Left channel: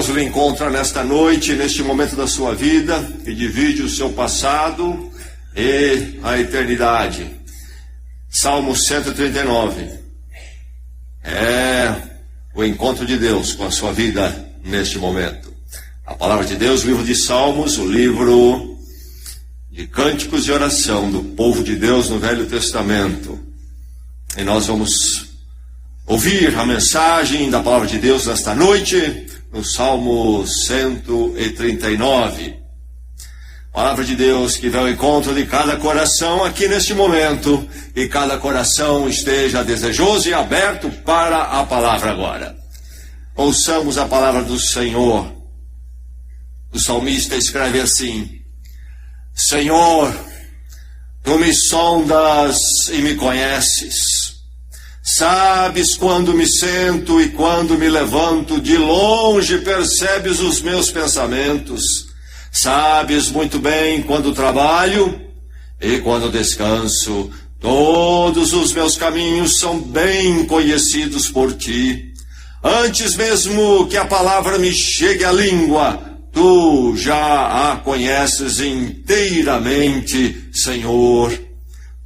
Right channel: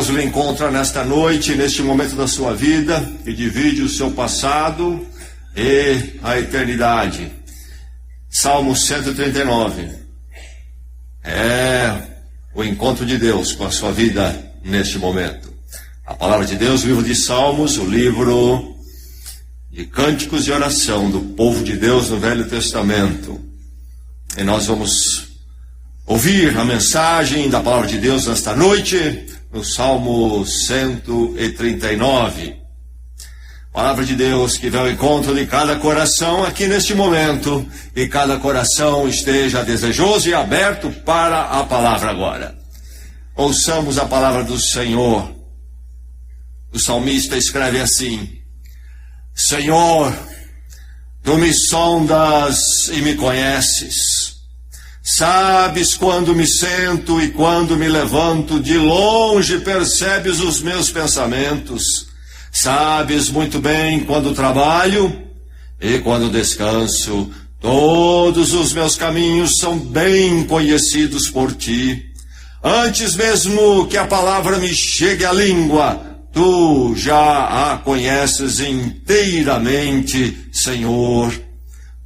Deus o encontra nesta noite, neste momento da sua vida, que divide o seu passado e a eternidade. Salmo 139. É o encontro de Deus com a sua vida neste momento. A palavra de Deus, o livro de Salmos, o livro de cânticos e oração do povo de Deus no Velho Testamento. E nós vamos ouvir a mensagem da palavra de Deus nesta noite, no Salmo 139. Palavra de Deus que vem ao encontro de cada coração aqui neste momento, e cada coração esteja desejoso e aberto para a palavra agora. Ouçamos a palavra do Senhor. O salmista escreve assim: Senhor, tu me sondas e me conheces. Sabes quando me sento e quando me levanto, de longe percebes os meus pensamentos. Sabes muito bem quando trabalho e quando descanso. Todos os meus caminhos são bem conhecidos por ti. Antes mesmo que a palavra me chegue à língua, tu já a conheces inteiramente, Senhor.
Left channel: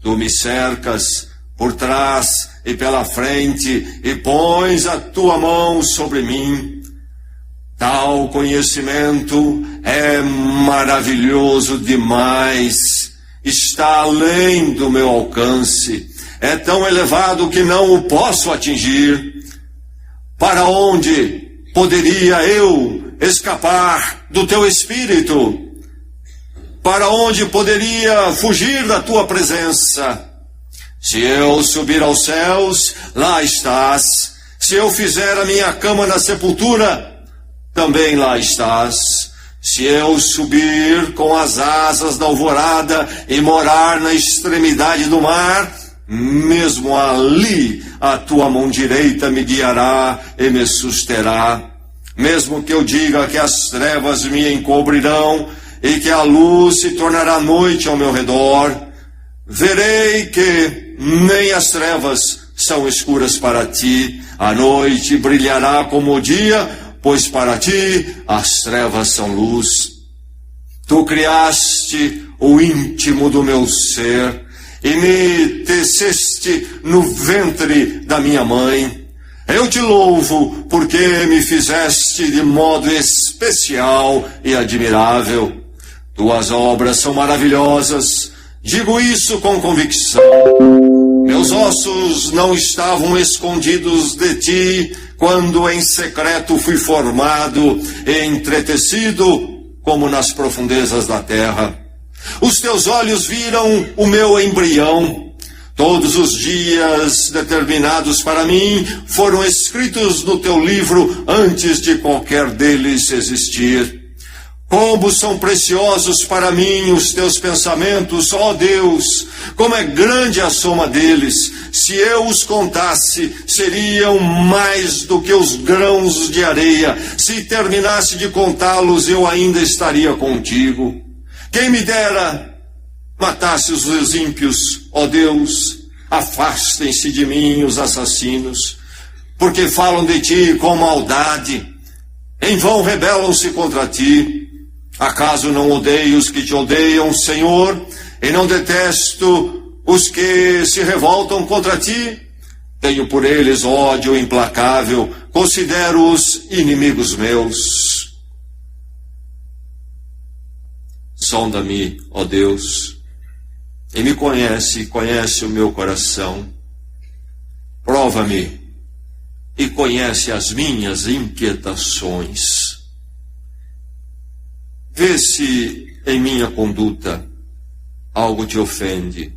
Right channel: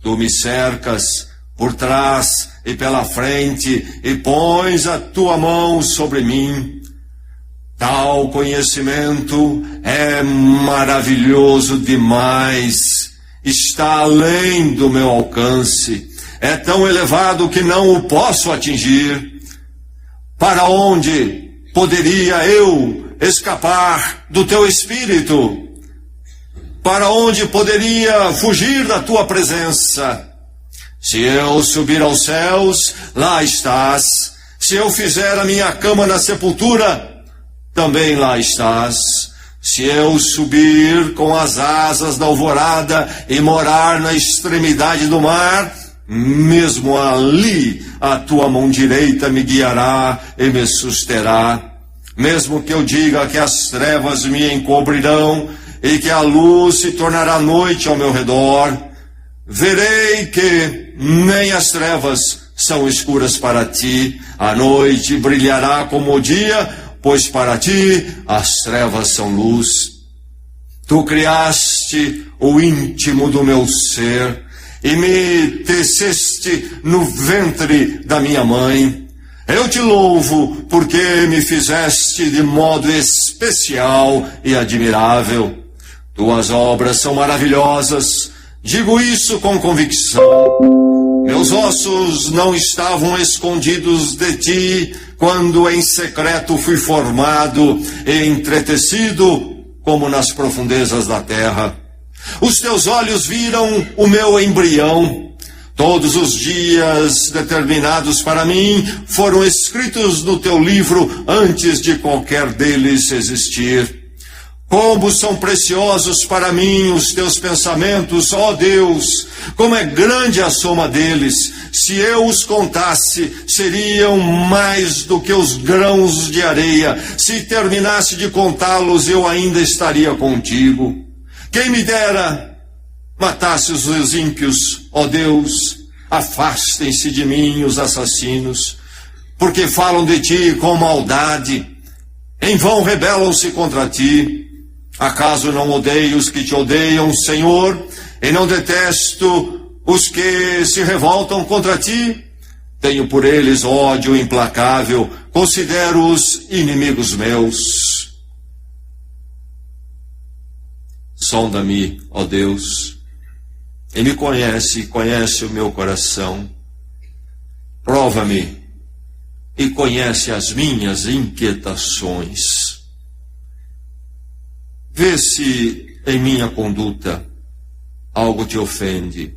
Tu me cercas por trás e pela frente, e pões a tua mão sobre mim. Tal conhecimento é maravilhoso demais, está além do meu alcance, é tão elevado que não o posso atingir. Para onde poderia eu escapar do teu espírito? Para onde poderia fugir da tua presença? Se eu subir aos céus, lá estás. Se eu fizer a minha cama na sepultura, também lá estás. Se eu subir com as asas da alvorada e morar na extremidade do mar, mesmo ali a tua mão direita me guiará e me susterá. Mesmo que eu diga que as trevas me encobrirão e que a luz se tornará noite ao meu redor, verei que nem as trevas são escuras para ti. A noite brilhará como o dia, pois para ti as trevas são luz. Tu criaste o íntimo do meu ser e me teceste no ventre da minha mãe. Eu te louvo porque me fizeste de modo especial e admirável. Tuas obras são maravilhosas, digo isso com convicção. Meus ossos não estavam escondidos de ti, quando em secreto fui formado e entretecido, como nas profundezas da terra. Os teus olhos viram o meu embrião. Todos os dias determinados para mim foram escritos no teu livro antes de qualquer deles existir. Como são preciosos para mim os teus pensamentos, ó Deus! Como é grande a soma deles! Se eu os contasse, seriam mais do que os grãos de areia. Se terminasse de contá-los, eu ainda estaria contigo. Quem me dera matasse os ímpios, ó Deus! Afastem-se de mim os assassinos, porque falam de ti com maldade. Em vão rebelam-se contra ti. Acaso não odeio os que te odeiam, Senhor, e não detesto os que se revoltam contra ti? Tenho por eles ódio implacável, considero-os inimigos meus. Sonda-me, ó Deus, e me conhece o meu coração. Prova-me e conhece as minhas inquietações. Vê se em minha conduta algo te ofende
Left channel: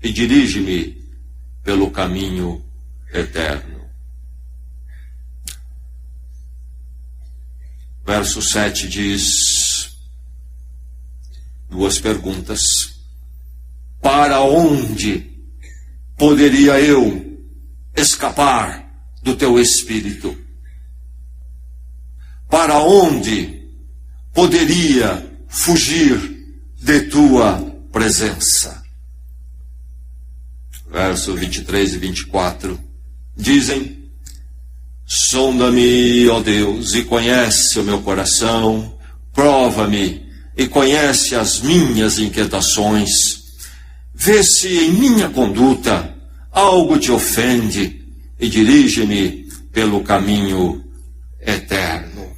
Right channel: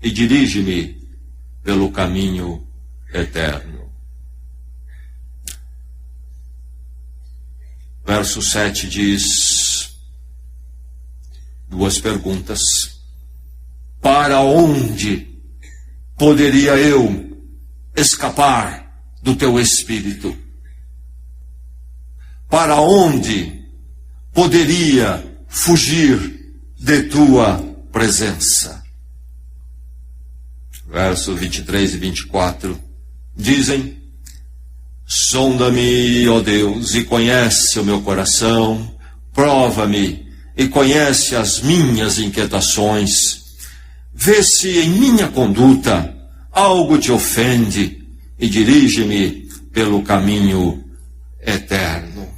e dirige-me pelo caminho eterno. Verso 7 diz, duas perguntas. Para onde poderia eu escapar do teu espírito? Para onde poderia fugir de tua presença? Verso 23 e 24 dizem: Sonda-me, ó Deus, e conhece o meu coração, prova-me e conhece as minhas inquietações. Vê se em minha conduta algo te ofende e dirige-me pelo caminho eterno.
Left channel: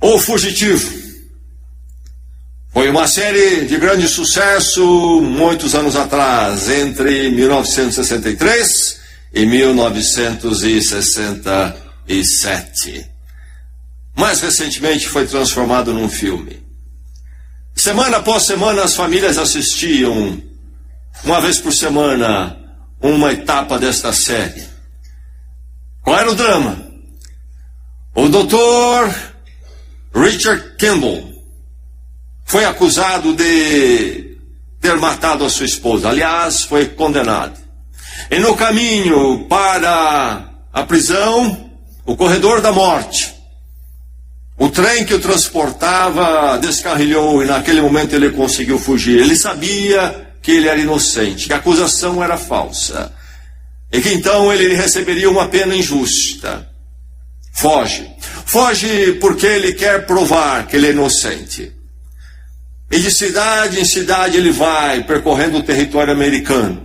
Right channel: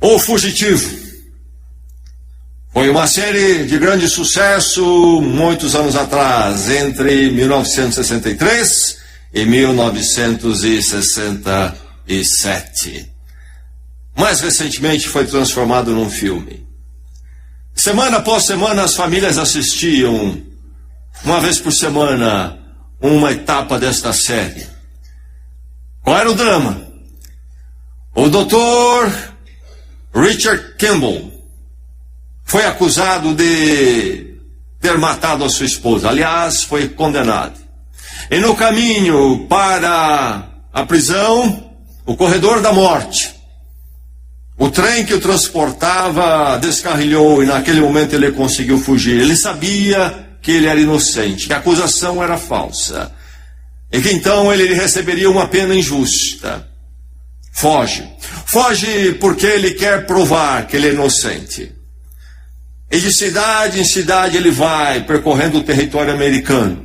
O Fugitivo foi uma série de grande sucesso muitos anos atrás, entre 1963 e 1967. Mais recentemente foi transformado num filme. Semana após semana as famílias assistiam, uma vez por semana, uma etapa desta série. Qual era o drama? O Dr. Richard Kimball foi acusado de ter matado a sua esposa. Aliás, foi condenado. E no caminho para a prisão, o corredor da morte, o trem que o transportava descarrilhou e naquele momento ele conseguiu fugir. Ele sabia que ele era inocente, que a acusação era falsa e que então ele receberia uma pena injusta. Foge porque ele quer provar que ele é inocente. E de cidade em cidade ele vai, percorrendo o território americano.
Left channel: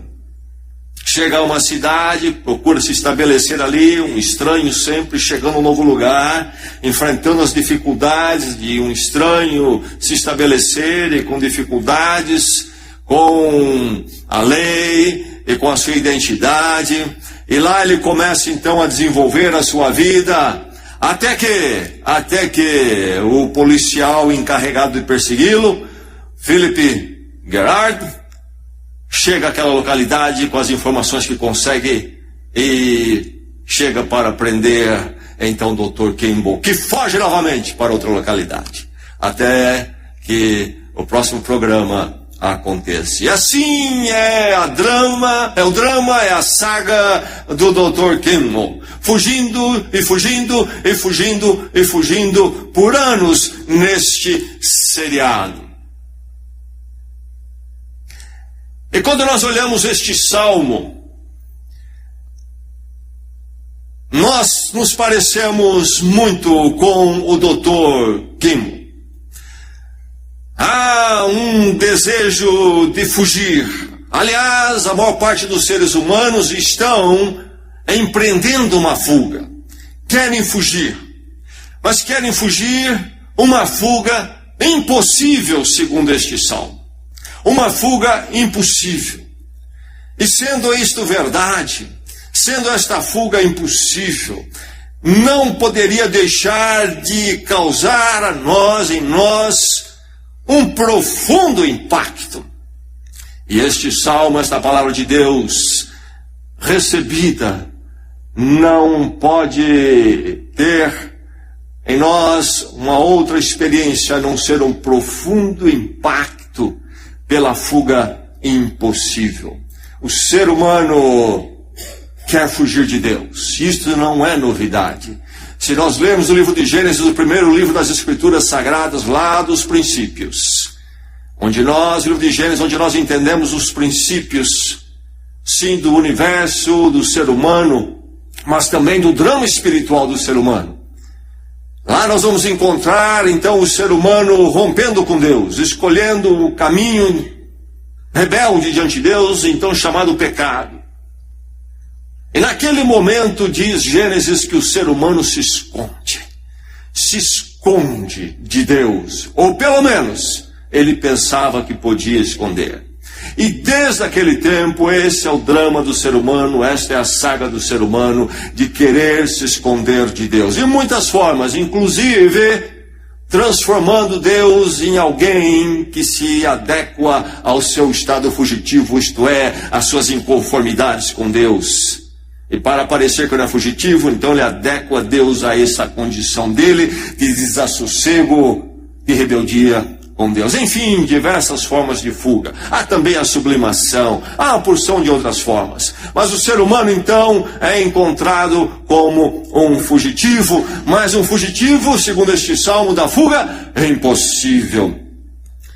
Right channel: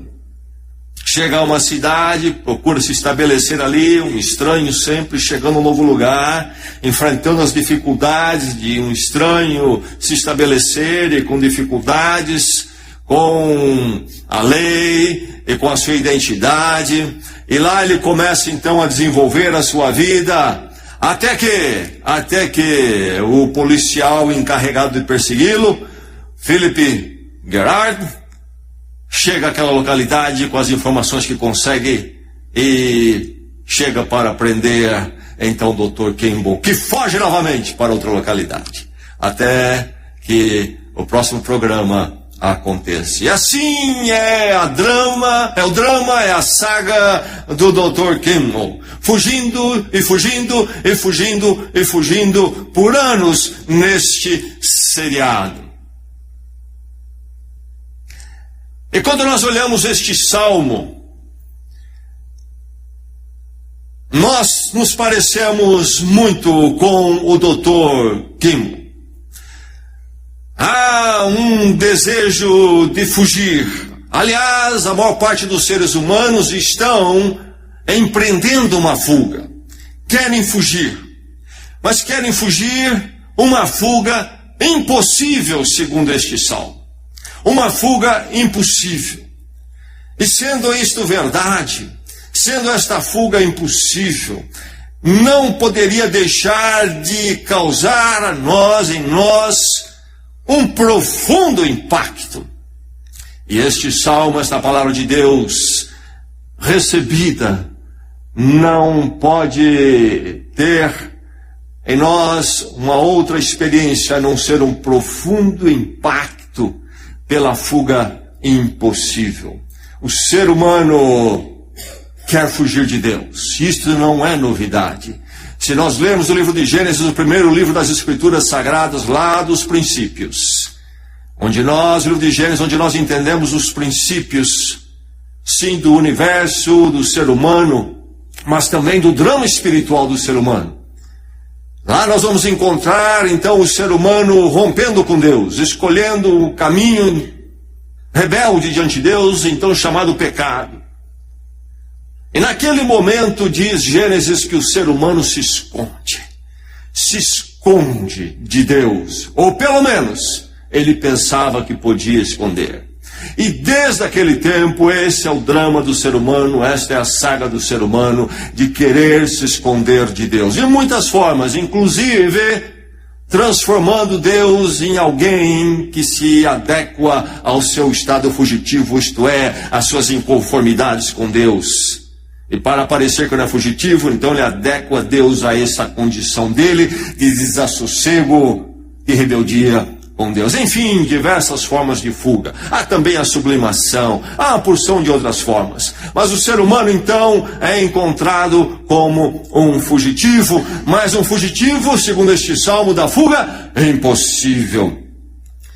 Chega a uma cidade, procura se estabelecer ali, um estranho sempre chegando a um novo lugar, enfrentando as dificuldades de um estranho se estabelecer e com dificuldades com a lei e com a sua identidade. E lá ele começa então a desenvolver a sua vida, até que o policial encarregado de persegui-lo, Philip Gerard, chega àquela localidade com as informações que consegue e chega para prender então o Dr. Kimball, que foge novamente para outra localidade, até que o próximo programa aconteça. E assim é o drama, é a saga do Dr. Kimball, fugindo e fugindo e fugindo e fugindo por anos neste seriado. E quando nós olhamos este salmo, nós nos parecemos muito com o Dr. Kimball. Há um desejo de fugir. Aliás, a maior parte dos seres humanos estão empreendendo uma fuga. Querem fugir. Mas querem fugir uma fuga impossível, segundo este salmo. Uma fuga impossível. E sendo isto verdade, sendo esta fuga impossível, não poderia deixar de causar em nós, um profundo impacto. E este salmo, esta palavra de Deus recebida, não pode ter em nós uma outra experiência a não ser um profundo impacto pela fuga impossível. O ser humano quer fugir de Deus. Isto não é novidade. Se nós lermos o livro de Gênesis, o primeiro livro das Escrituras Sagradas, lá dos princípios, o livro de Gênesis, onde nós entendemos os princípios, sim, do universo, do ser humano, mas também do drama espiritual do ser humano. Lá nós vamos encontrar, então, o ser humano rompendo com Deus, escolhendo o caminho rebelde diante de Deus, então chamado pecado. E naquele momento, diz Gênesis, que o ser humano se esconde de Deus, ou pelo menos, ele pensava que podia esconder. E desde aquele tempo, esse é o drama do ser humano, esta é a saga do ser humano, de querer se esconder de Deus. De muitas formas, inclusive transformando Deus em alguém que se adequa ao seu estado fugitivo, isto é, às suas inconformidades com Deus. E para parecer que não é fugitivo, então ele adequa Deus a essa condição dele, de desassossego e rebeldia com Deus. Enfim, diversas formas de fuga. Há também a sublimação, há uma porção de outras formas. Mas o ser humano, então, é encontrado como um fugitivo, mas um fugitivo, segundo este salmo da fuga, é impossível.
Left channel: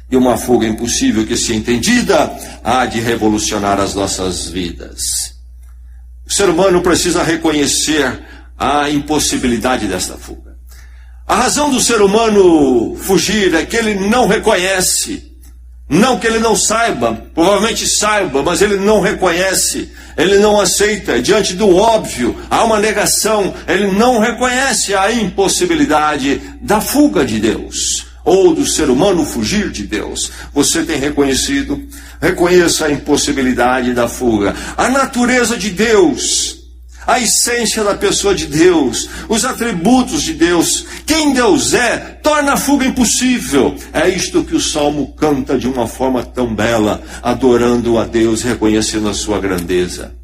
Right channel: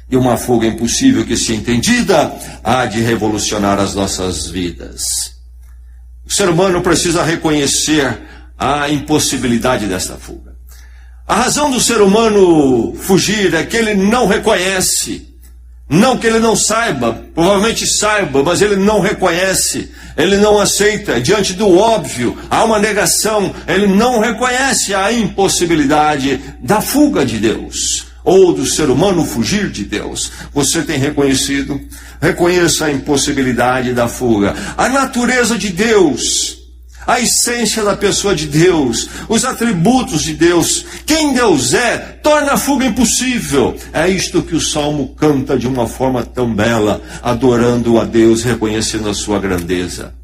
E uma fuga impossível que, se entendida, há de revolucionar as nossas vidas. O ser humano precisa reconhecer a impossibilidade desta fuga. A razão do ser humano fugir é que ele não reconhece. Não que ele não saiba, provavelmente saiba, mas ele não reconhece, ele não aceita. Diante do óbvio, há uma negação, ele não reconhece a impossibilidade da fuga de Deus, ou do ser humano fugir de Deus. Você tem reconhecido? Reconheça a impossibilidade da fuga. A natureza de Deus, a essência da pessoa de Deus, os atributos de Deus, quem Deus é, torna a fuga impossível. É isto que o Salmo canta de uma forma tão bela, adorando a Deus, reconhecendo a sua grandeza.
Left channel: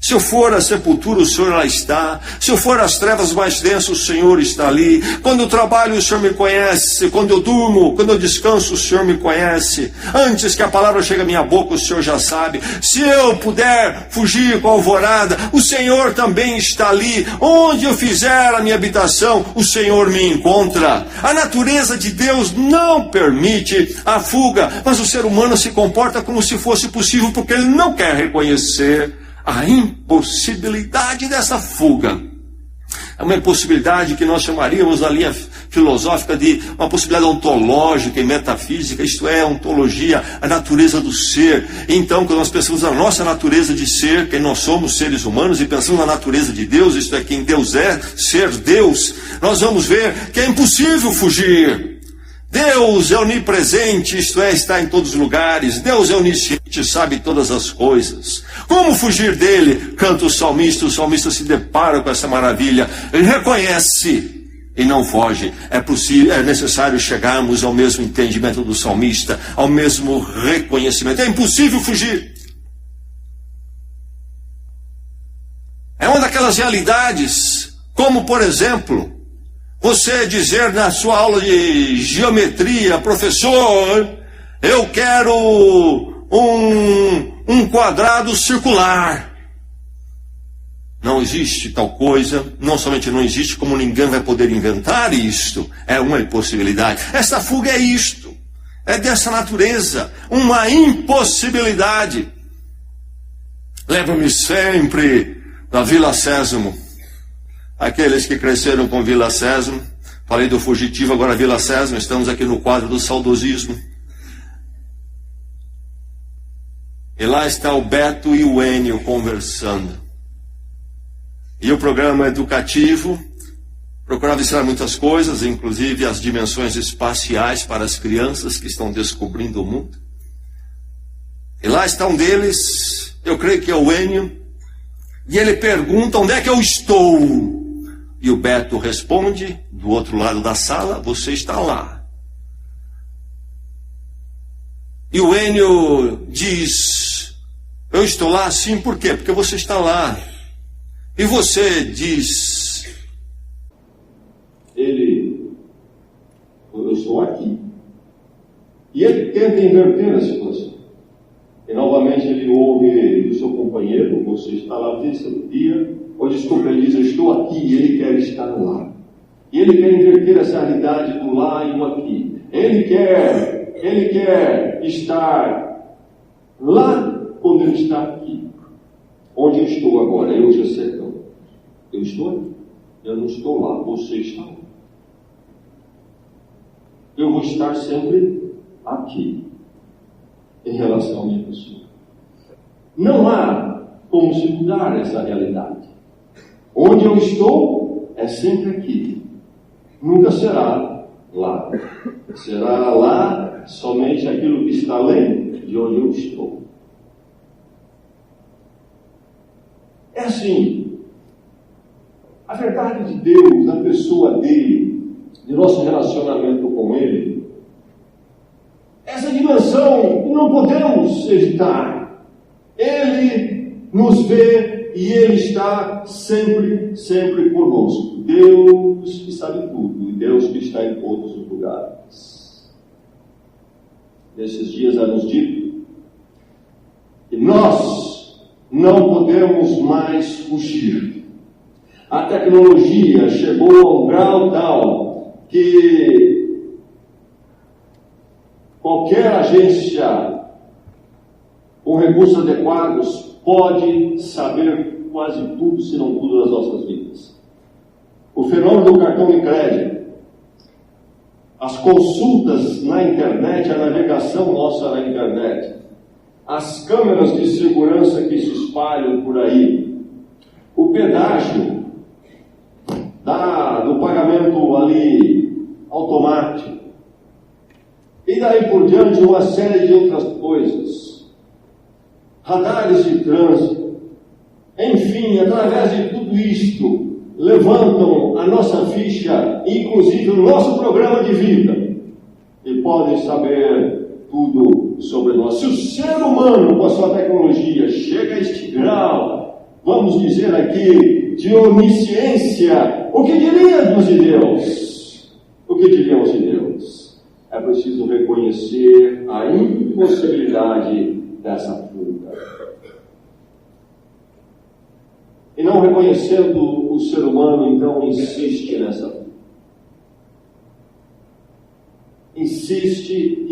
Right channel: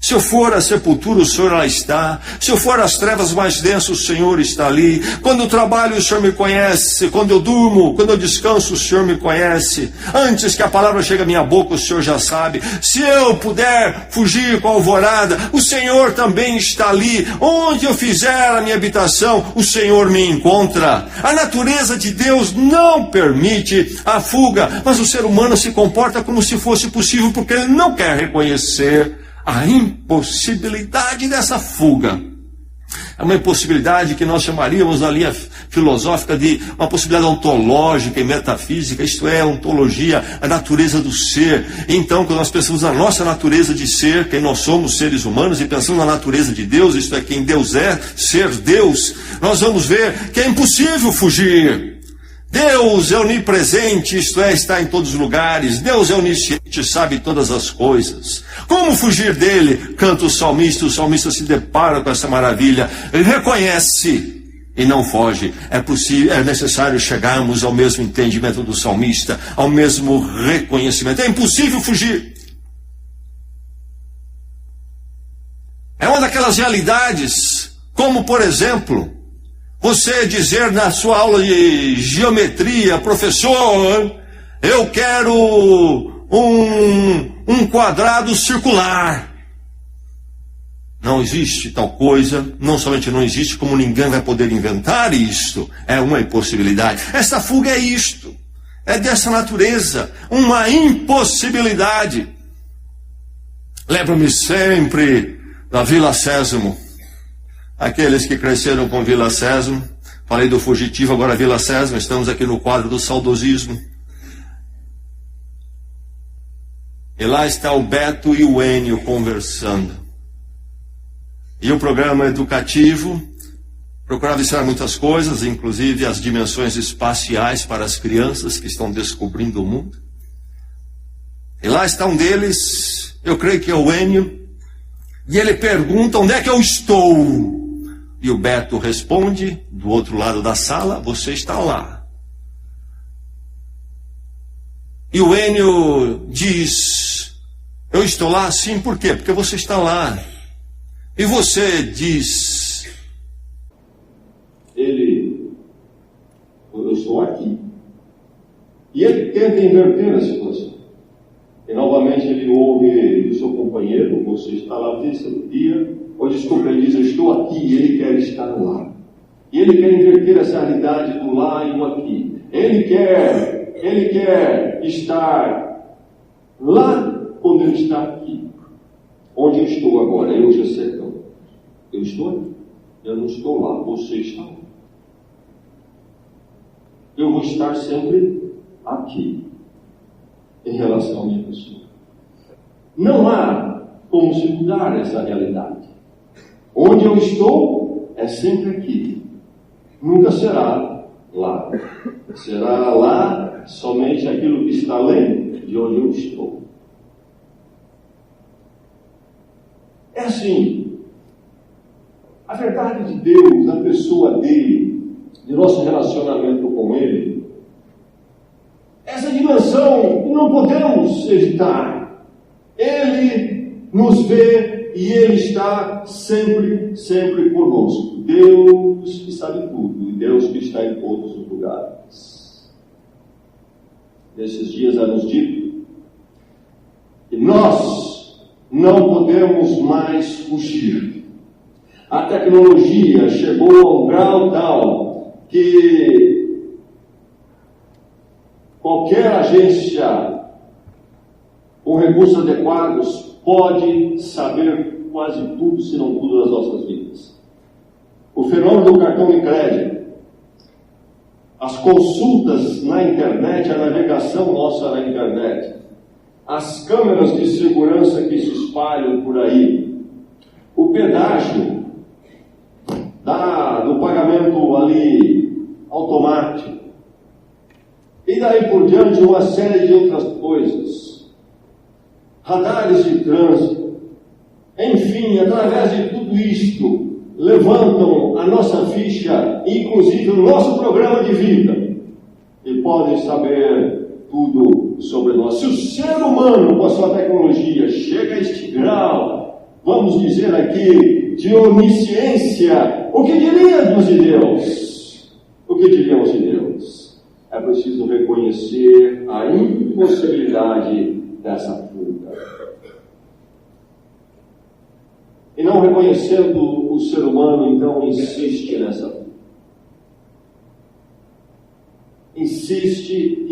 Se eu for à sepultura, o Senhor lá está. Se eu for às trevas mais densas, o Senhor está ali. Quando eu trabalho, o Senhor me conhece. Quando eu durmo, quando eu descanso, o Senhor me conhece. Antes que a palavra chegue à minha boca, o Senhor já sabe. Se eu puder fugir com a alvorada, o Senhor também está ali. Onde eu fizer a minha habitação, o Senhor me encontra. A natureza de Deus não permite a fuga, mas o ser humano se comporta como se fosse possível, porque ele não quer reconhecer a impossibilidade dessa fuga. É uma impossibilidade que nós chamaríamos na linha filosófica de uma possibilidade ontológica e metafísica, isto é, ontologia, a natureza do ser. Então, quando nós pensamos na nossa natureza de ser, quem nós somos, seres humanos, e pensamos na natureza de Deus, isto é, quem Deus é, ser Deus, nós vamos ver que é impossível fugir. Deus é onipresente, isto é, está em todos os lugares. Deus é onisciente, sabe todas as coisas. Como fugir dele? Canta o salmista se depara com essa maravilha. Ele reconhece e não foge. É necessário chegarmos ao mesmo entendimento do salmista, ao mesmo reconhecimento. É impossível fugir. É uma daquelas realidades, como por exemplo, você dizer na sua aula de geometria, professor, eu quero um quadrado circular. Não existe tal coisa, não somente não existe, como ninguém vai poder inventar isto. É uma impossibilidade. Esta fuga é isto, é dessa natureza, uma impossibilidade. Lembro-me sempre da Vila Sésamo. Aqueles que cresceram com Vila Sésamo, falei do fugitivo, agora Vila Sésamo, estamos aqui no quadro do saudosismo. E lá está o Beto e o Enio conversando. E o programa educativo procurava ensinar muitas coisas, inclusive as dimensões espaciais para as crianças que estão descobrindo o mundo. E lá está um deles, eu creio que é o Enio, e ele pergunta: onde é que eu estou? E o Beto responde, do outro lado da sala: você está lá. E o Enio diz: eu estou lá, sim, por quê? Porque você está lá. E você diz: eu estou aqui. E ele tenta inverter a situação. E novamente ele ouve do seu companheiro: você está lá desse dia. Ou desculpa, ele diz: eu estou aqui, e ele quer estar lá. E ele quer inverter essa realidade do lá e do aqui. Ele quer estar lá quando ele está aqui. Onde eu estou agora? Eu, Jacetão. Eu estou aqui. Eu não estou lá, você está lá. Eu vou estar sempre aqui, em relação à minha pessoa. Não há como se mudar essa realidade. Onde eu estou é sempre aqui. Nunca será lá. Será lá somente aquilo que está além de onde eu estou. É assim. A verdade de Deus, a pessoa dele, de nosso relacionamento com ele, essa dimensão não podemos evitar. Ele nos vê e ele está sempre, sempre conosco. Deus que sabe tudo, e Deus que está em todos os lugares. Nesses dias é nos dito que nós não podemos mais fugir. A tecnologia chegou a um grau tal que qualquer agência com recursos adequados pode saber quase tudo, se não tudo, das nossas vidas. O fenômeno do cartão de crédito, as consultas na internet, a navegação nossa na internet, as câmeras de segurança que se espalham por aí, o pedágio do pagamento ali automático, e daí por diante uma série de outras coisas, radares de trânsito, enfim, através de tudo isto, levantam a nossa ficha, inclusive o nosso programa de vida, e podem saber tudo sobre nós. Se o ser humano, com a sua tecnologia, chega a este grau, vamos dizer aqui, de onisciência, o que diríamos de Deus? O que diríamos de Deus? É preciso reconhecer a impossibilidade dessa fuga. E não reconhecendo, o ser humano então insiste nessa fuga. Insiste.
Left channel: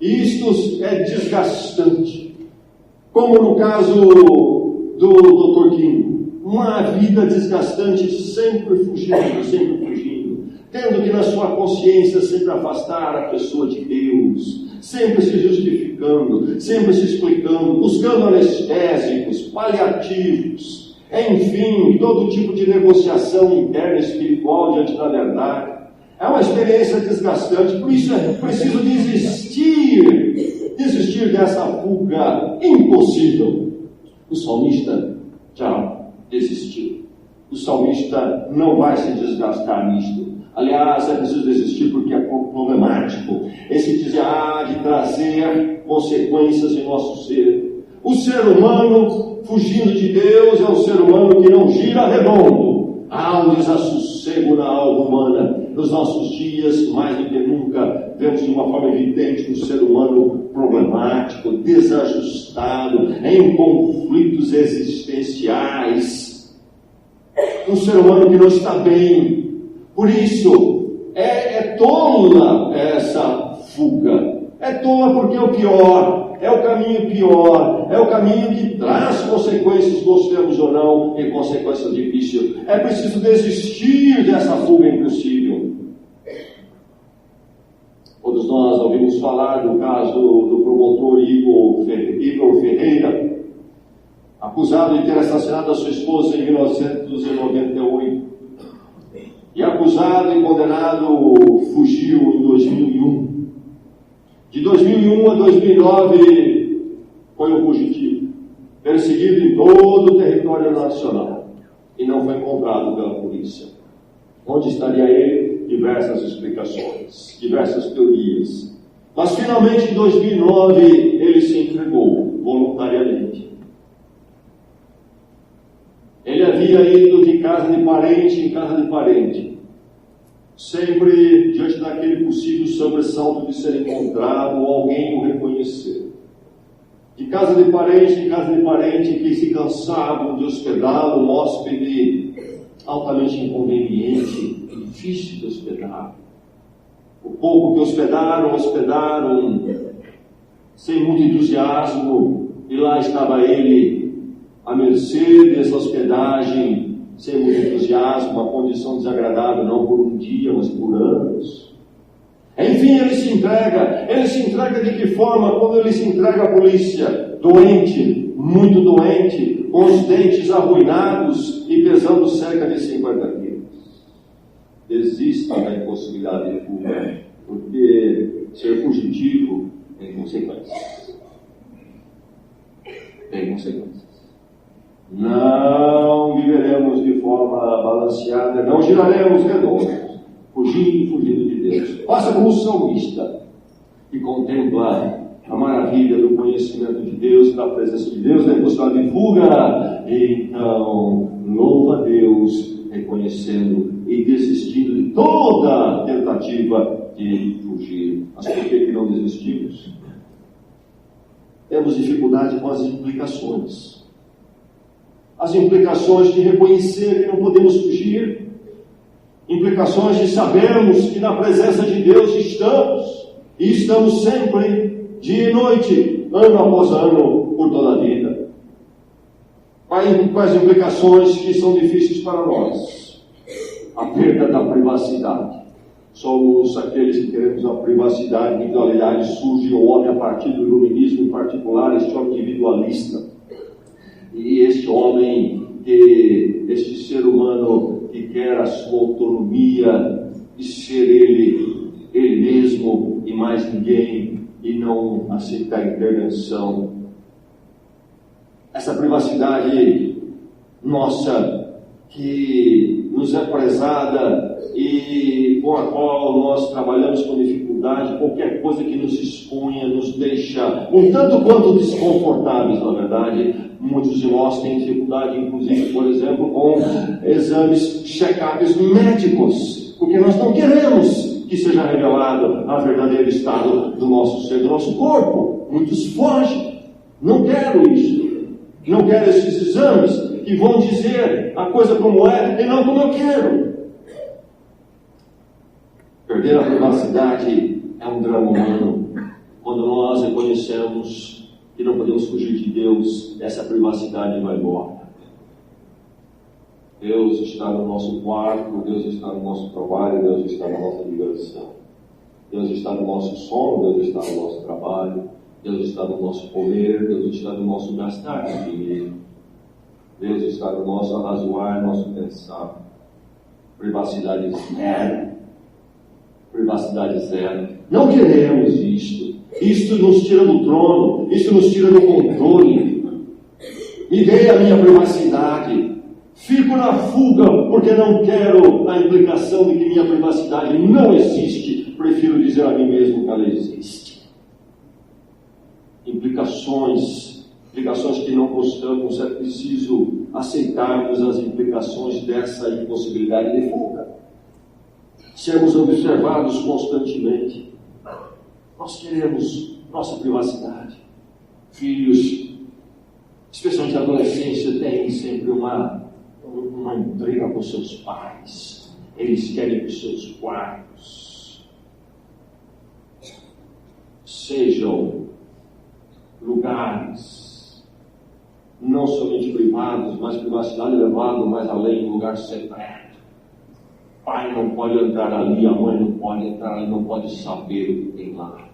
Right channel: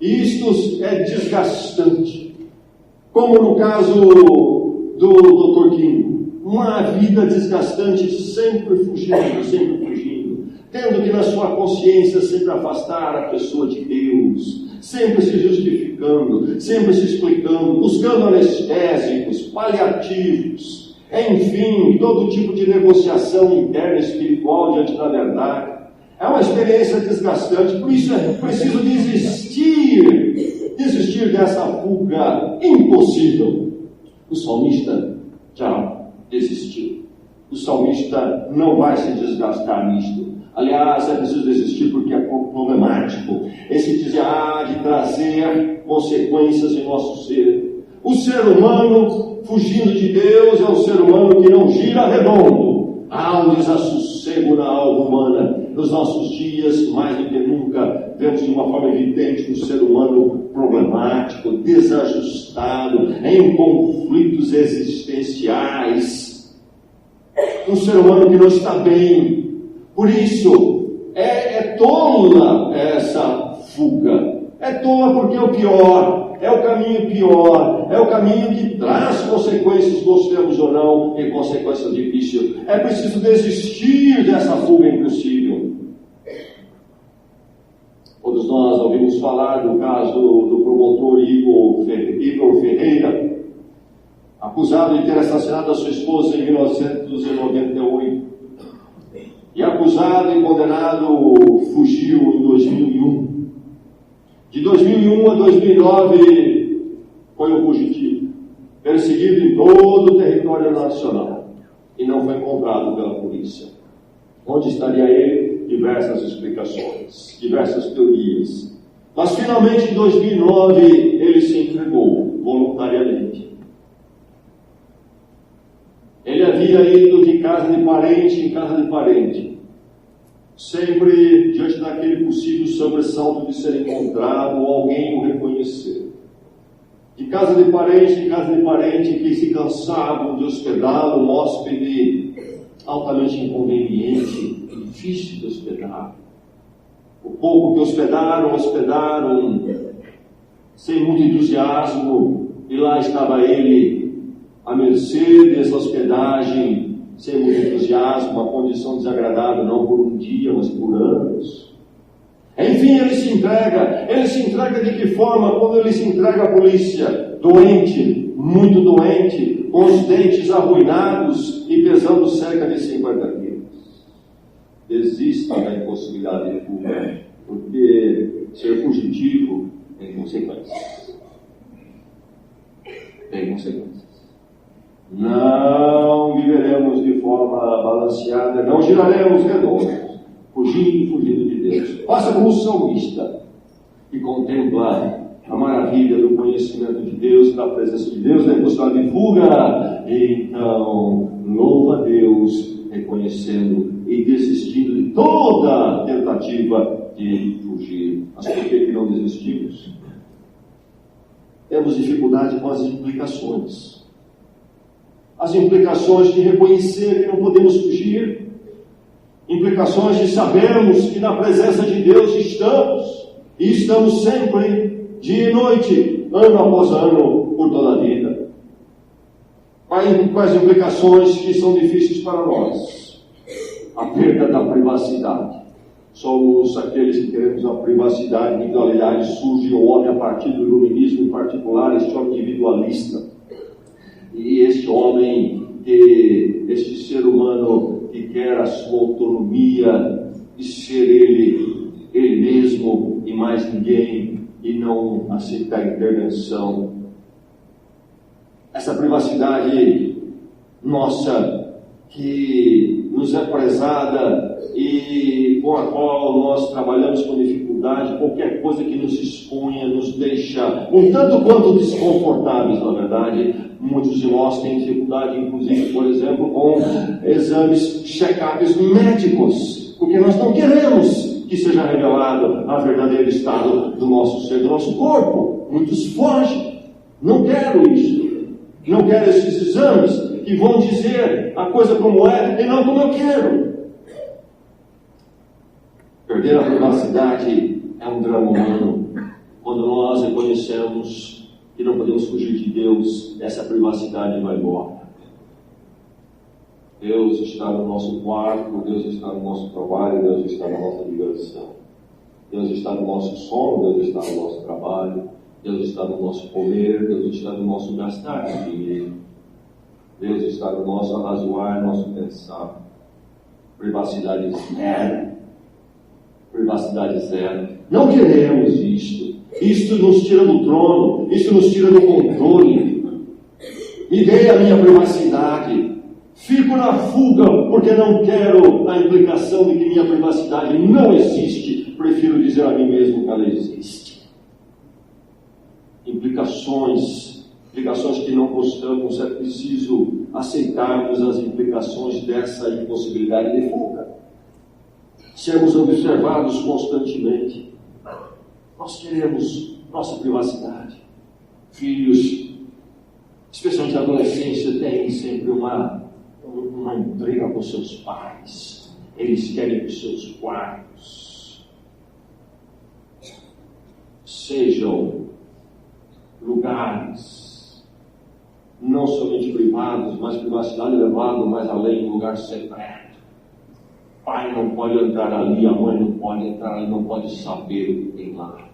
Isto é desgastante. Como no caso do Dr. King. Uma vida desgastante, sempre fugindo, tendo que na sua consciência sempre afastar a pessoa de Deus, sempre se justificando, sempre se explicando, buscando anestésicos, paliativos, enfim, todo tipo de negociação interna espiritual diante da verdade. É uma experiência desgastante, por isso é preciso desistir dessa fuga impossível. O salmista já desistiu. O salmista não vai se desgastar nisto. Aliás, é preciso desistir porque é problemático. Esse desviar de trazer consequências em nosso ser. O ser humano fugindo de Deus é um ser humano que não gira redondo. Há um desassossego na alma humana. Nos nossos dias, mais do que nunca, vemos de uma forma evidente um ser humano problemático, desajustado, em conflitos existenciais. Um ser humano que não está bem. Por isso, é tola essa fuga. É tola porque é o pior, é o caminho pior, é o caminho que traz consequências, gostemos ou não, e consequências difíceis. É preciso desistir dessa fuga impossível. Todos nós ouvimos falar do caso do promotor Igor Ferreira, acusado de ter assassinado a sua esposa em 1998. E acusado e condenado, fugiu em 2001. De 2001 a 2009, foi um fugitivo, perseguido em todo o território nacional, e não foi encontrado pela polícia. Onde estaria ele? Diversas explicações, diversas teorias. Mas finalmente, em 2009, ele se entregou voluntariamente. Ele havia ido de casa de parente em casa de parente, sempre diante daquele possível sobressalto de ser encontrado ou alguém o reconhecer. De casa de parente em casa de parente, que se cansavam de hospedá-lo, um hóspede altamente inconveniente, difícil de hospedar. O pouco que hospedaram sem muito entusiasmo, e lá estava ele, à mercê dessa hospedagem, sem muito entusiasmo, uma condição desagradável, não por um dia, mas por anos. Enfim, ele se entrega de que forma? Quando ele se entrega à polícia, doente, muito doente, com os dentes arruinados e pesando cerca de 50 quilos. Desista da impossibilidade de fuga, porque ser fugitivo tem consequências. Tem consequências. Não viveremos de forma balanceada, não giraremos redondos, fugindo de Deus. Faça como o salmista, que contempla a maravilha do conhecimento de Deus, da presença de Deus, da impossibilidade de fuga. Então, louva a Deus, reconhecendo e desistindo de toda tentativa de fugir. Mas por que não desistimos? Temos dificuldade com as implicações. As implicações de reconhecer que não podemos fugir, Implicações de sabermos que na presença de Deus estamos, e estamos sempre, dia e noite, ano após ano, por toda a vida. Quais implicações que são difíceis para nós? A perda da privacidade. Somos aqueles que queremos a privacidade, a individualidade. Surge o homem a partir do iluminismo, em particular, este homem individualista. E este homem, este ser humano que quer a sua autonomia e ser ele mesmo e mais ninguém, e não aceitar intervenção. Essa privacidade nossa, que nos é prezada e com a qual nós trabalhamos com dificuldade, qualquer coisa que nos exponha, nos deixa um tanto quanto desconfortáveis, na verdade. Muitos de nós têm dificuldade, inclusive, por exemplo, com exames, check-ups médicos, porque nós não queremos que seja revelado a verdadeiro estado do nosso ser, do nosso corpo. Muitos fogem. Não quero isso. Não quero esses exames que vão dizer a coisa como é e não como eu quero. Perder a privacidade é um drama humano. Quando nós reconhecemos que não podemos fugir de Deus, essa privacidade vai embora. Deus está no nosso quarto, Deus está no nosso trabalho, Deus está na nossa diversão. Deus está no nosso sono, Deus está no nosso trabalho, Deus está no nosso comer, Deus está no nosso gastar dinheiro. Deus está no nosso arrazoar, nosso pensar. Privacidade zero. Privacidade zero. Não queremos isto. Isto nos tira do trono. Isto nos tira do controle. Me dê a minha privacidade. Fico na fuga porque não quero a implicação de que minha privacidade não existe. Prefiro dizer a mim mesmo que ela existe. Implicações que não gostamos, é preciso aceitarmos as implicações dessa impossibilidade de fuga. Sermos observados constantemente. Nós queremos nossa privacidade. Filhos, especialmente a adolescência, têm sempre uma intriga com seus pais. Eles querem que os seus quartos sejam lugares não somente privados, mas privacidade levada mais além, um lugar secreto. O pai não pode entrar ali, a mãe não pode entrar ali, não pode saber o que tem lá.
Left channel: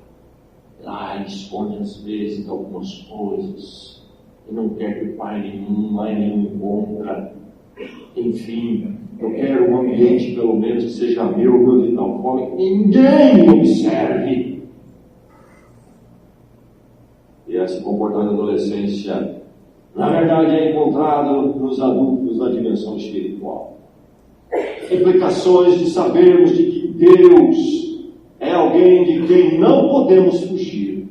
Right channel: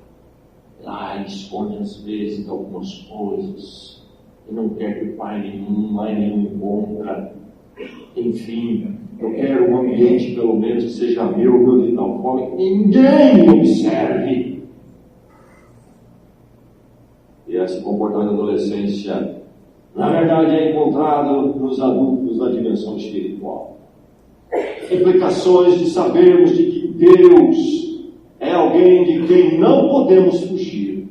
Lá ele esconde às vezes algumas coisas e não quer que pai nenhum, mãe nenhum encontra. Enfim, eu quero um ambiente pelo menos que seja meu de tal forma que ninguém me observe. E esse comportamento da adolescência, na verdade, é encontrado nos adultos na dimensão espiritual. Implicações de sabermos de que Deus é alguém de quem não podemos fugir.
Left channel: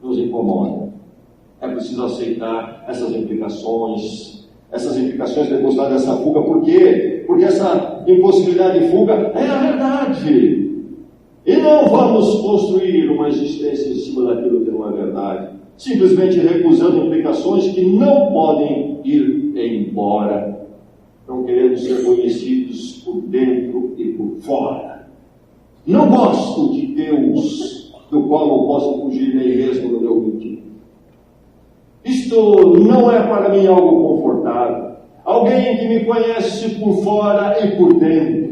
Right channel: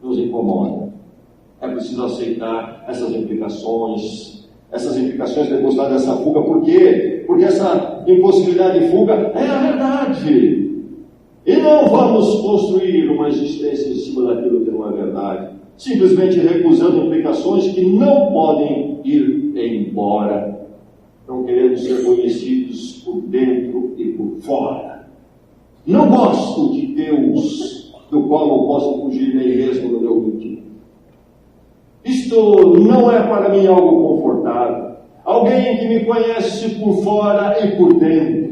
Nos incomoda. É preciso aceitar essas implicações depositadas dessa fuga. Por quê? Porque essa impossibilidade de fuga é a verdade. E não vamos construir uma existência em cima daquilo que não é verdade, simplesmente recusando implicações que não podem ir embora. Não queremos ser conhecidos por dentro e por fora. Não gosto de Deus, do qual não posso fugir nem mesmo no meu íntimo. Isto não é para mim algo confortável. Alguém que me conhece por fora e por dentro.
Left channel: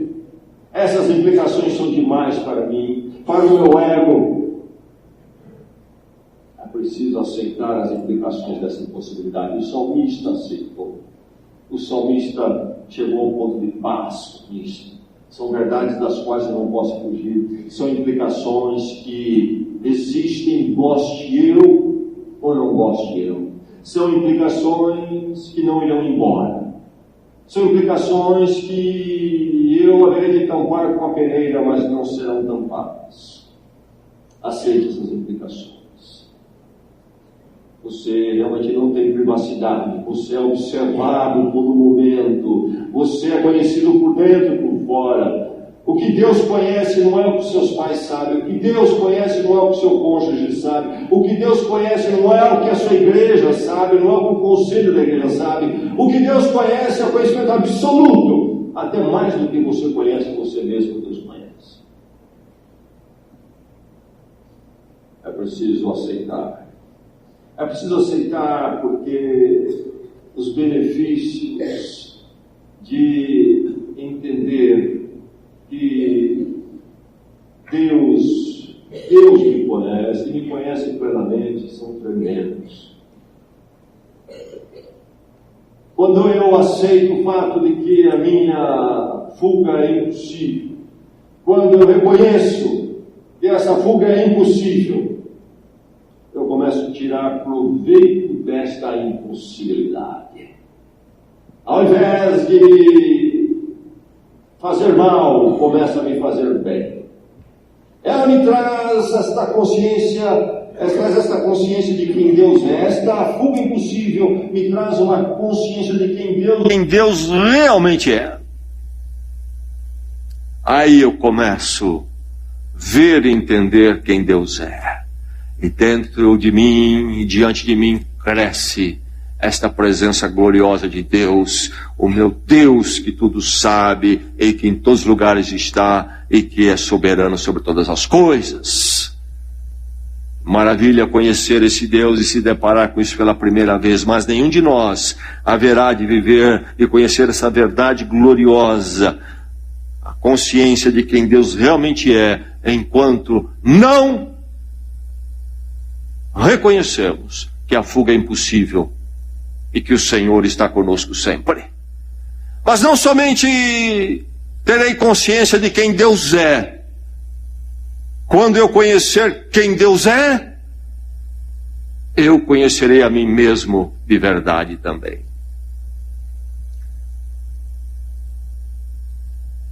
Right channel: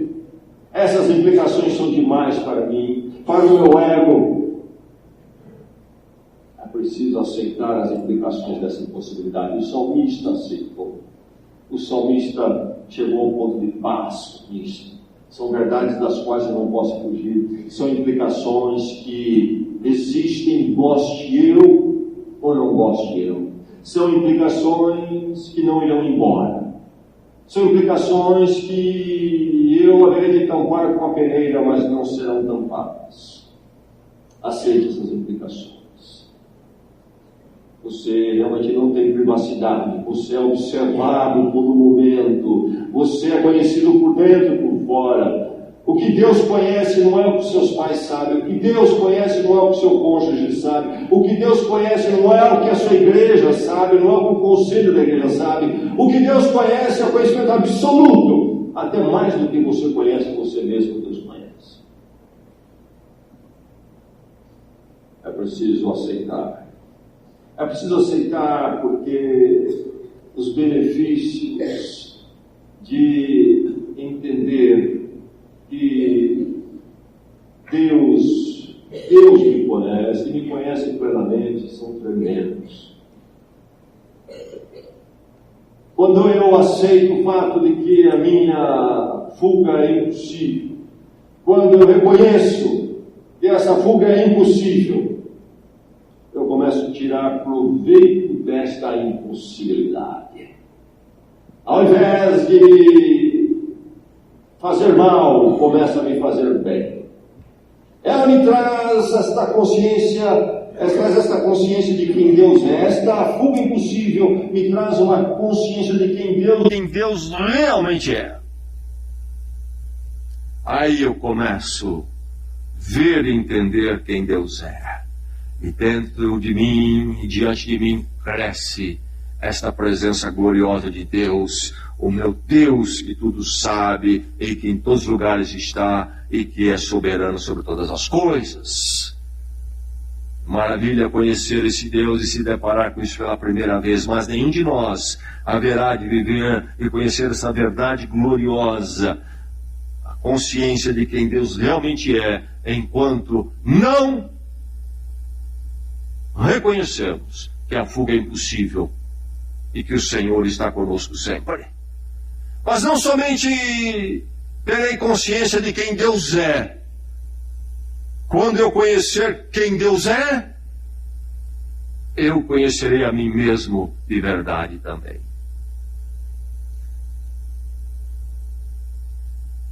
Essas implicações são demais para mim, para o meu ego. É preciso aceitar as implicações dessa impossibilidade. O salmista aceitou. O salmista chegou ao ponto de paz com isso. São verdades das quais eu não posso fugir. São implicações que existem, goste eu ou não goste eu. São implicações que não irão embora. São implicações que eu haverei de tampar com a peneira, mas não serão tampadas. Aceite essas implicações. Você realmente não tem privacidade. Você é observado em todo momento. Você é conhecido por dentro e por fora. O que Deus conhece não é o que seus pais sabem. O que Deus conhece não é o que seu cônjuge sabe. O que Deus conhece não é o que a sua igreja sabe, não é o que o conselho da igreja sabe. O que Deus conhece é o conhecimento absoluto até mais do que você conhece você mesmo, Deus conhece. É preciso aceitar. É preciso aceitar porque os benefícios de entender que Deus me conhece plenamente, são tremendos. Quando eu aceito o fato de que a minha fuga é impossível, quando eu reconheço que essa fuga é impossível, eu começo a tirar proveito desta impossibilidade. Ao invés de fazer mal, começa a me fazer bem. Ela me traz esta consciência de quem Deus é. Esta fuga impossível me traz uma consciência de quem Deus realmente é. Aí eu começo a ver e entender quem Deus é. E dentro de mim e diante de mim cresce esta presença gloriosa de Deus, o meu Deus que tudo sabe e que em todos os lugares está e que é soberano sobre todas as coisas. Maravilha conhecer esse Deus e se deparar com isso pela primeira vez, mas nenhum de nós haverá de viver e conhecer essa verdade gloriosa, a consciência de quem Deus realmente é, enquanto não reconhecemos que a fuga é impossível e que o Senhor está conosco sempre. Mas não somente terei consciência de quem Deus é. Quando eu conhecer quem Deus é, eu conhecerei a mim mesmo de verdade também.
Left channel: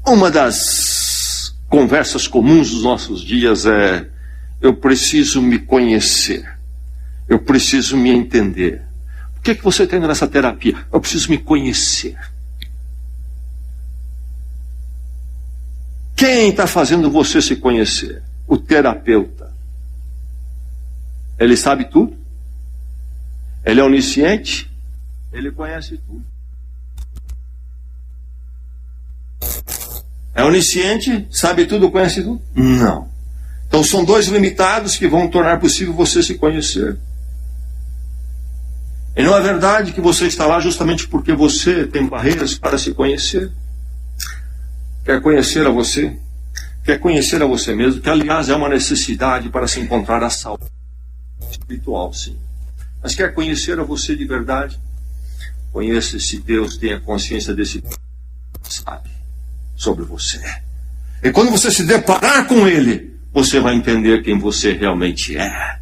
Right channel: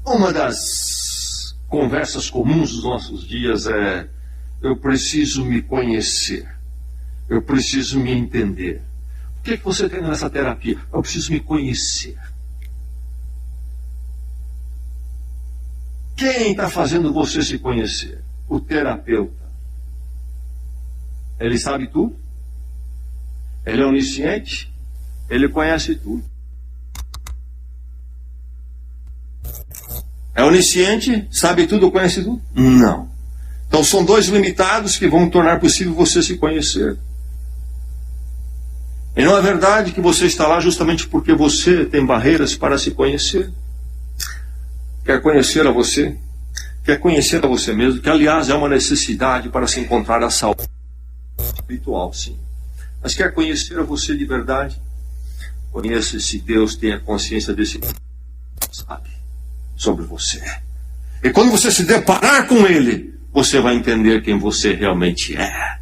Uma das conversas comuns dos nossos dias é: eu preciso me conhecer, eu preciso me entender. O que você tem nessa terapia? Eu preciso me conhecer. Quem está fazendo você se conhecer? O terapeuta. Ele sabe tudo? Ele é onisciente? Ele conhece tudo. É onisciente? Sabe tudo, conhece tudo? Não. Então são dois limitados que vão tornar possível você se conhecer. E não é verdade que você está lá justamente porque você tem barreiras para se conhecer? Quer conhecer a você? Quer conhecer a você mesmo? Que, aliás, é uma necessidade para se encontrar a saúde espiritual, sim. Mas quer conhecer a você de verdade? Conheça esse Deus, tenha consciência desse Deus, sabe, sobre você. E quando você se deparar com Ele, você vai entender quem você realmente é.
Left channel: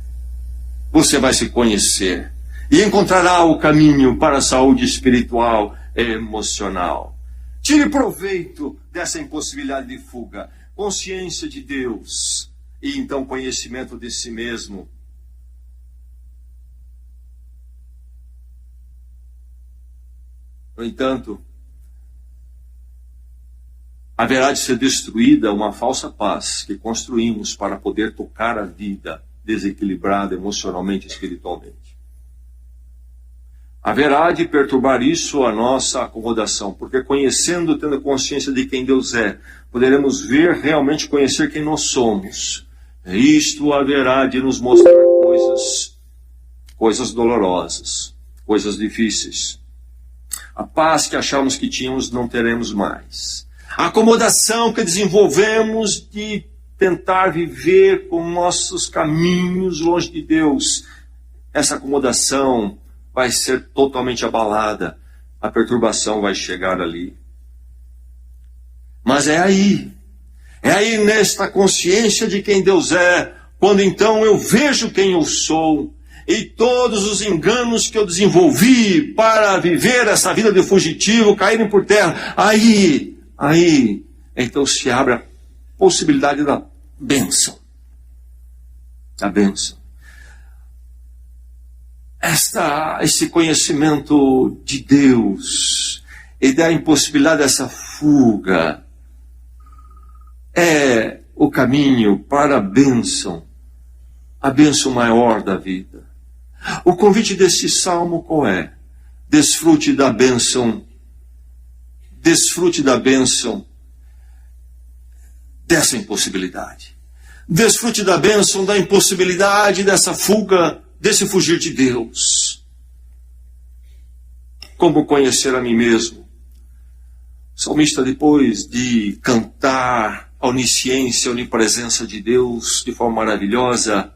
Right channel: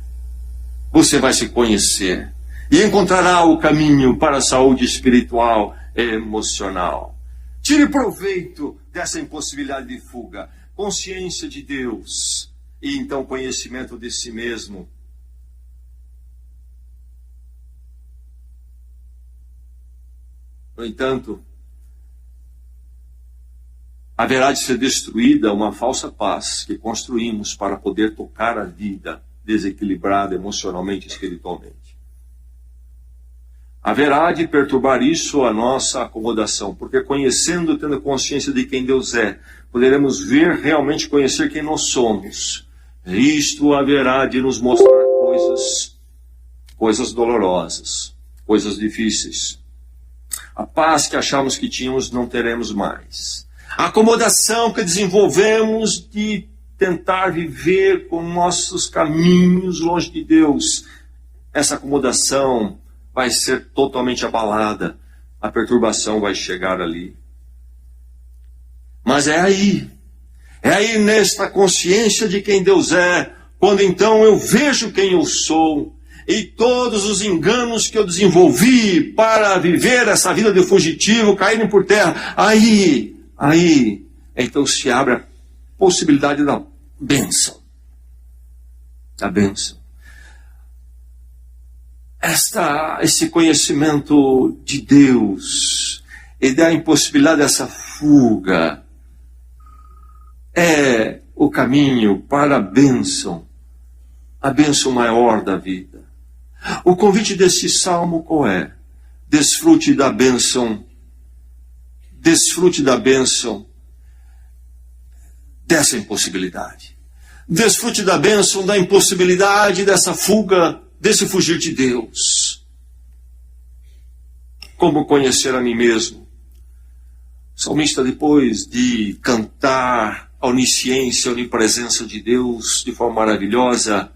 Você vai se conhecer e encontrará o caminho para a saúde espiritual e emocional. Tire proveito dessa impossibilidade de fuga. Consciência de Deus e então conhecimento de si mesmo. No entanto, haverá de ser destruída uma falsa paz que construímos para poder tocar a vida desequilibrada emocionalmente e espiritualmente. Haverá de perturbar isso a nossa acomodação, porque conhecendo, tendo consciência de quem Deus é, poderemos ver, realmente conhecer quem nós somos. Isto haverá de nos mostrar coisas dolorosas, coisas difíceis. A paz que achamos que tínhamos não teremos mais. A acomodação que desenvolvemos de tentar viver com nossos caminhos longe de Deus, essa acomodação vai ser totalmente abalada. A perturbação vai chegar ali. Mas é aí nesta consciência de quem Deus é, quando então eu vejo quem eu sou, e todos os enganos que eu desenvolvi para viver essa vida de fugitivo caírem por terra, aí, então se abre a possibilidade da bênção. Da bênção. Esse conhecimento de Deus e da impossibilidade dessa fuga é o caminho para a bênção maior da vida. O convite desse salmo qual é? Desfrute da bênção desfrute da bênção dessa impossibilidade. Desfrute da bênção da impossibilidade dessa fuga, desse fugir de Deus. Como conhecer a mim mesmo? O salmista, depois de cantar a onisciência, a onipresença de Deus de forma maravilhosa,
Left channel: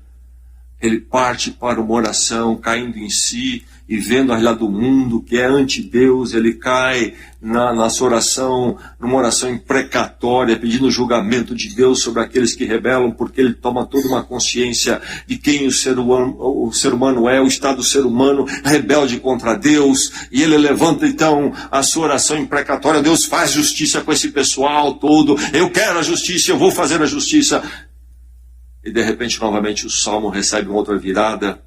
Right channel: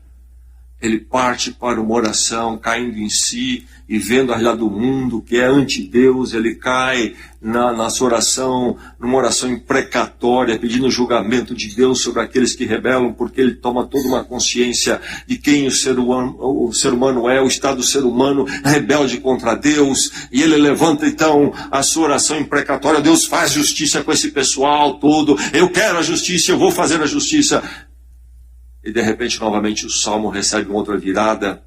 ele parte para uma oração, caindo em si e vendo a realidade do mundo, que é anti-Deus. Ele cai na sua oração, numa oração imprecatória, pedindo o julgamento de Deus sobre aqueles que rebelam, porque ele toma toda uma consciência de quem o ser humano é, o estado do ser humano rebelde contra Deus, e ele levanta então a sua oração imprecatória: Deus, faz justiça com esse pessoal todo, eu quero a justiça, eu vou fazer a justiça. E de repente, novamente, o salmo recebe uma outra virada,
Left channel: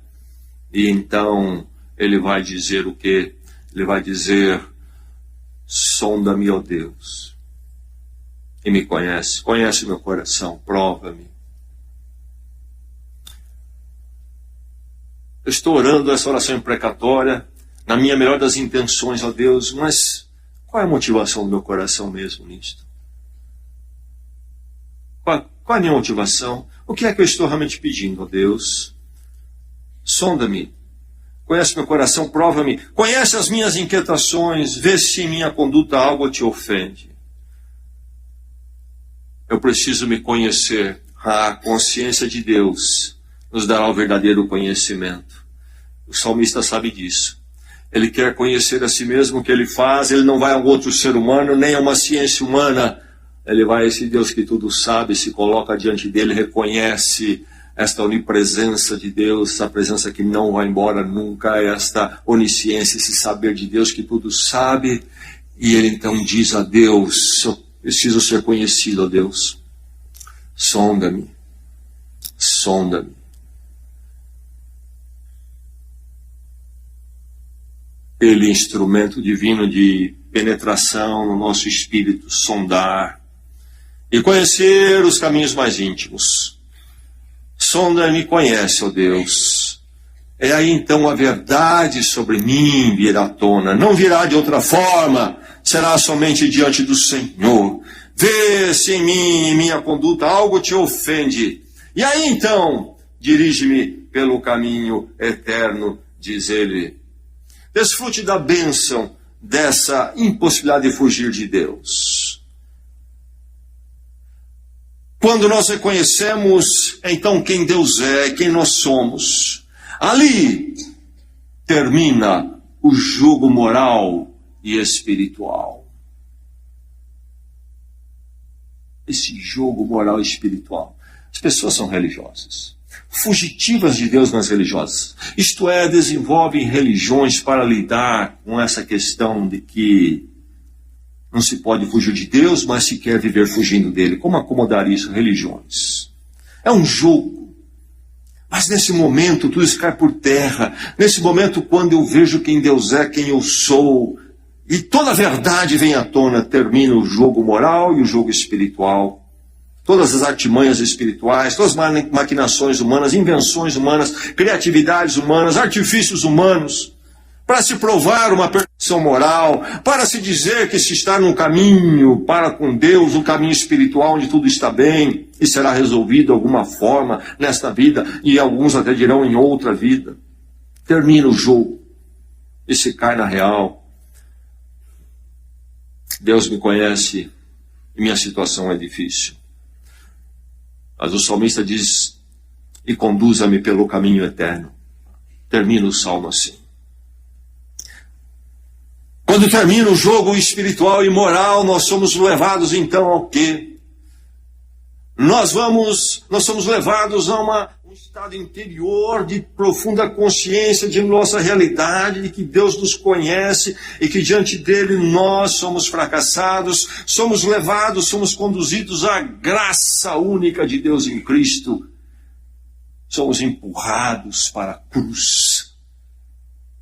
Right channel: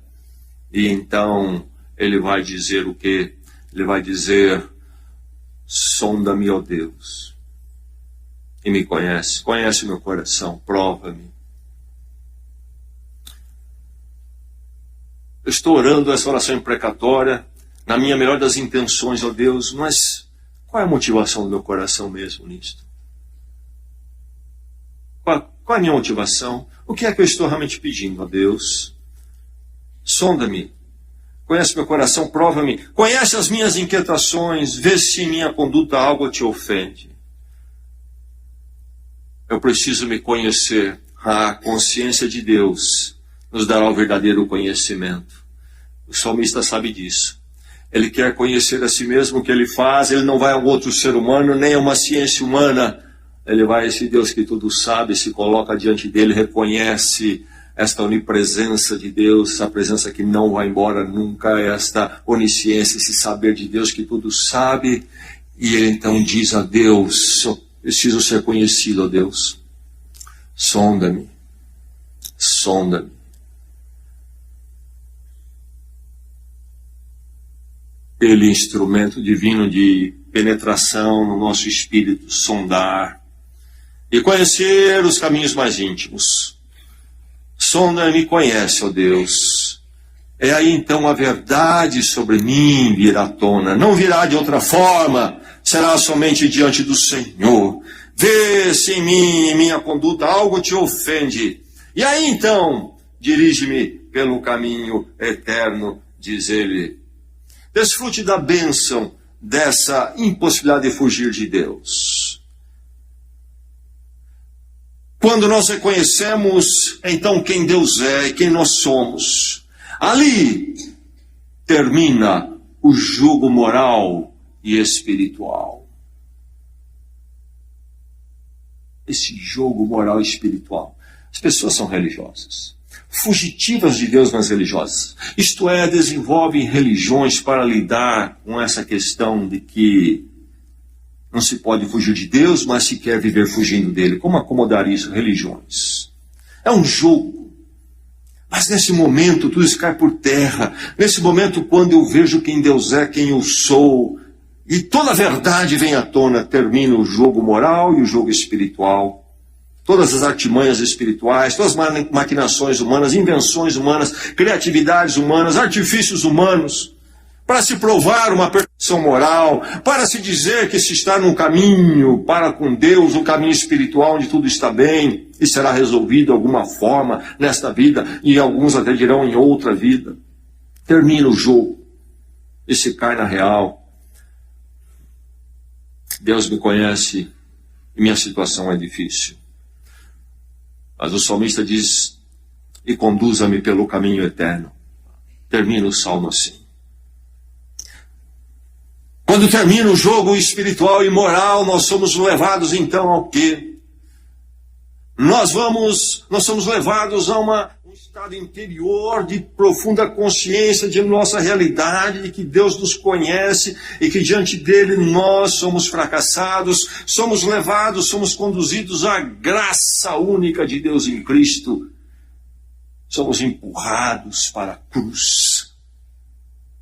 e então ele vai dizer o quê? Ele vai dizer: sonda-me, ó Deus, e me conhece o meu coração, prova-me. Eu estou orando essa oração imprecatória, na minha melhor das intenções, ó Deus, mas qual é a motivação do meu coração mesmo nisto? Qual é a minha motivação? O que é que eu estou realmente pedindo a Deus? Sonda-me, conhece meu coração, prova-me, conhece as minhas inquietações, vê se em minha conduta algo te ofende. Eu preciso me conhecer. A consciência de Deus nos dará o verdadeiro conhecimento. O salmista sabe disso. Ele quer conhecer a si mesmo, o que ele faz, ele não vai a outro ser humano, nem a uma ciência humana. Ele vai a esse Deus que tudo sabe, se coloca diante dele, reconhece esta onipresença de Deus, essa presença que não vai embora nunca, esta onisciência, esse saber de Deus que tudo sabe. E ele então diz a Deus: eu preciso ser conhecido, ó Deus. Sonda-me, sonda-me. Ele, instrumento divino de penetração no nosso espírito, sondar e conhecer os caminhos mais íntimos. Sonda-me e conhece, ó Deus. É aí então a verdade sobre mim virá à tona. Não virá de outra forma, será somente diante do Senhor. Vê se em mim, em minha conduta, algo te ofende. E aí então, dirige-me pelo caminho eterno, diz ele. Desfrute da bênção dessa impossibilidade de fugir de Deus. Quando nós reconhecemos, então, quem Deus é e quem nós somos, ali termina o jugo moral e espiritual. Esse jogo moral e espiritual. As pessoas são religiosas, fugitivas de Deus, mas religiosas. Isto é, desenvolvem religiões para lidar com essa questão de que não se pode fugir de Deus, mas se quer viver fugindo dele. Como acomodar isso? Religiões. É um jogo. Mas nesse momento tudo isso cai por terra. Nesse momento, quando eu vejo quem Deus é, quem eu sou, e toda a verdade vem à tona, termina o jogo moral e o jogo espiritual. Todas as artimanhas espirituais, todas as maquinações humanas, invenções humanas, criatividades humanas, artifícios humanos, para se provar uma perfeição moral, para se dizer que se está num caminho para com Deus, um caminho espiritual onde tudo está bem e será resolvido de alguma forma nesta vida, e alguns até dirão em outra vida. Termina o jogo e se cai na real. Deus me conhece e minha situação é difícil. Mas o salmista diz: e conduza-me pelo caminho eterno. Termina o salmo assim. Quando termina o jogo espiritual e moral, nós somos levados então ao quê? Nós somos levados a um estado interior de profunda consciência de nossa realidade, de que Deus nos conhece e que diante dele nós somos fracassados, somos levados, somos conduzidos à graça única de Deus em Cristo. Somos empurrados para a cruz.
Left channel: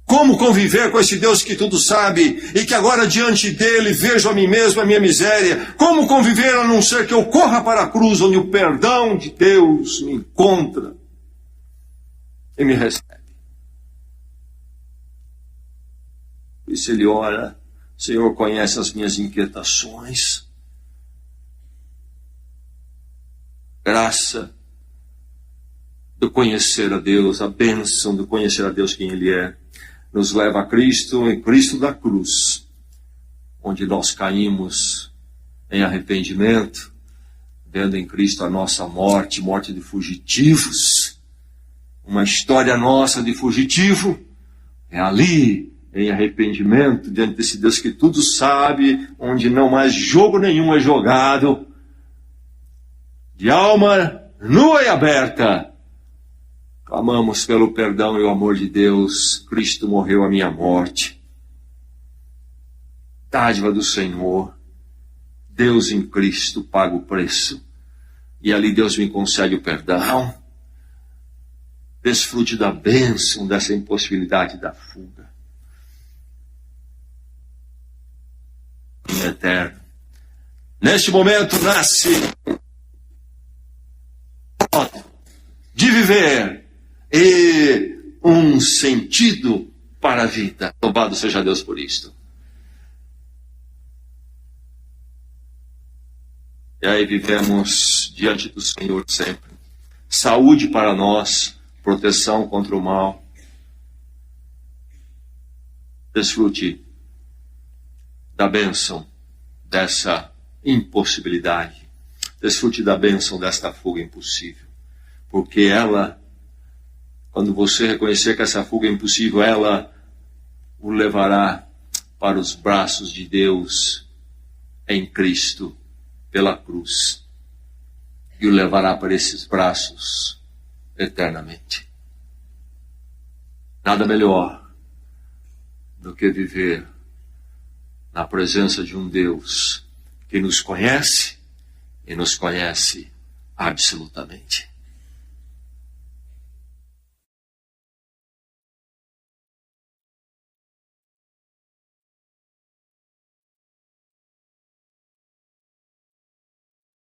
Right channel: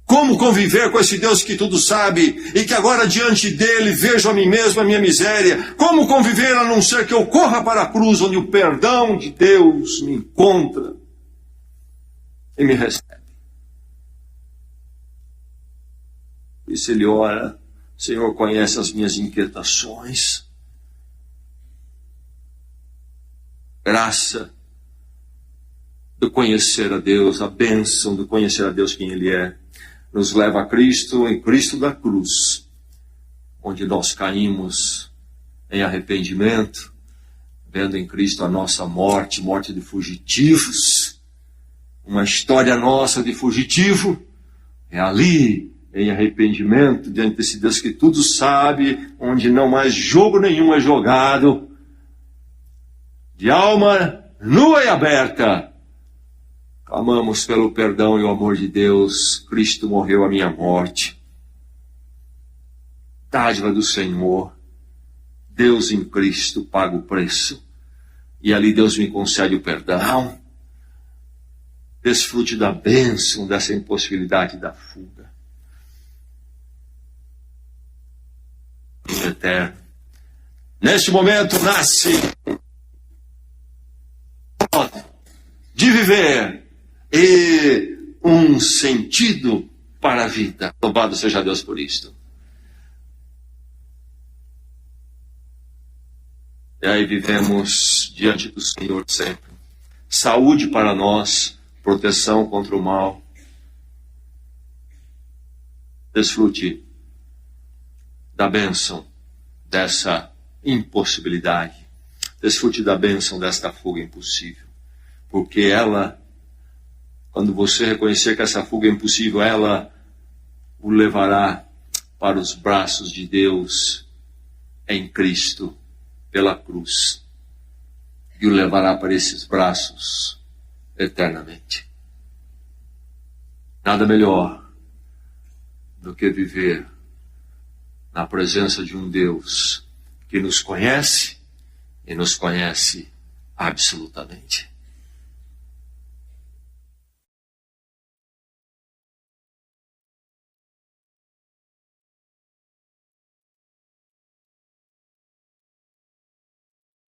Como conviver com esse Deus que tudo sabe e que agora diante dele vejo a mim mesmo, a minha miséria? Como conviver a não ser que eu corra para a cruz onde o perdão de Deus me encontra e me recebe? Por isso ele ora: O Senhor conhece as minhas inquietações. Graça do conhecer a Deus, a bênção do conhecer a Deus quem Ele é, nos leva a Cristo, em Cristo da cruz, onde nós caímos em arrependimento, vendo em Cristo a nossa morte, morte de fugitivos, uma história nossa de fugitivo, é ali, em arrependimento, diante desse Deus que tudo sabe, onde não mais jogo nenhum é jogado, de alma nua e aberta, clamamos pelo perdão e o amor de Deus. Cristo morreu a minha morte. Dádiva do Senhor. Deus em Cristo paga o preço. E ali Deus me concede o perdão. Desfrute da bênção, dessa impossibilidade da fuga. Em eterno. Neste momento nasce de viver e um sentido para a vida. Louvado seja Deus por isto. E aí vivemos diante do Senhor sempre. Saúde para nós, proteção contra o mal. Desfrute da bênção dessa impossibilidade. Desfrute da bênção desta fuga impossível. Porque ela, quando você reconhecer que essa fuga é impossível, ela o levará para os braços de Deus em Cristo, pela cruz. E o levará para esses braços eternamente. Nada melhor do que viver na presença de um Deus que nos conhece e nos conhece absolutamente.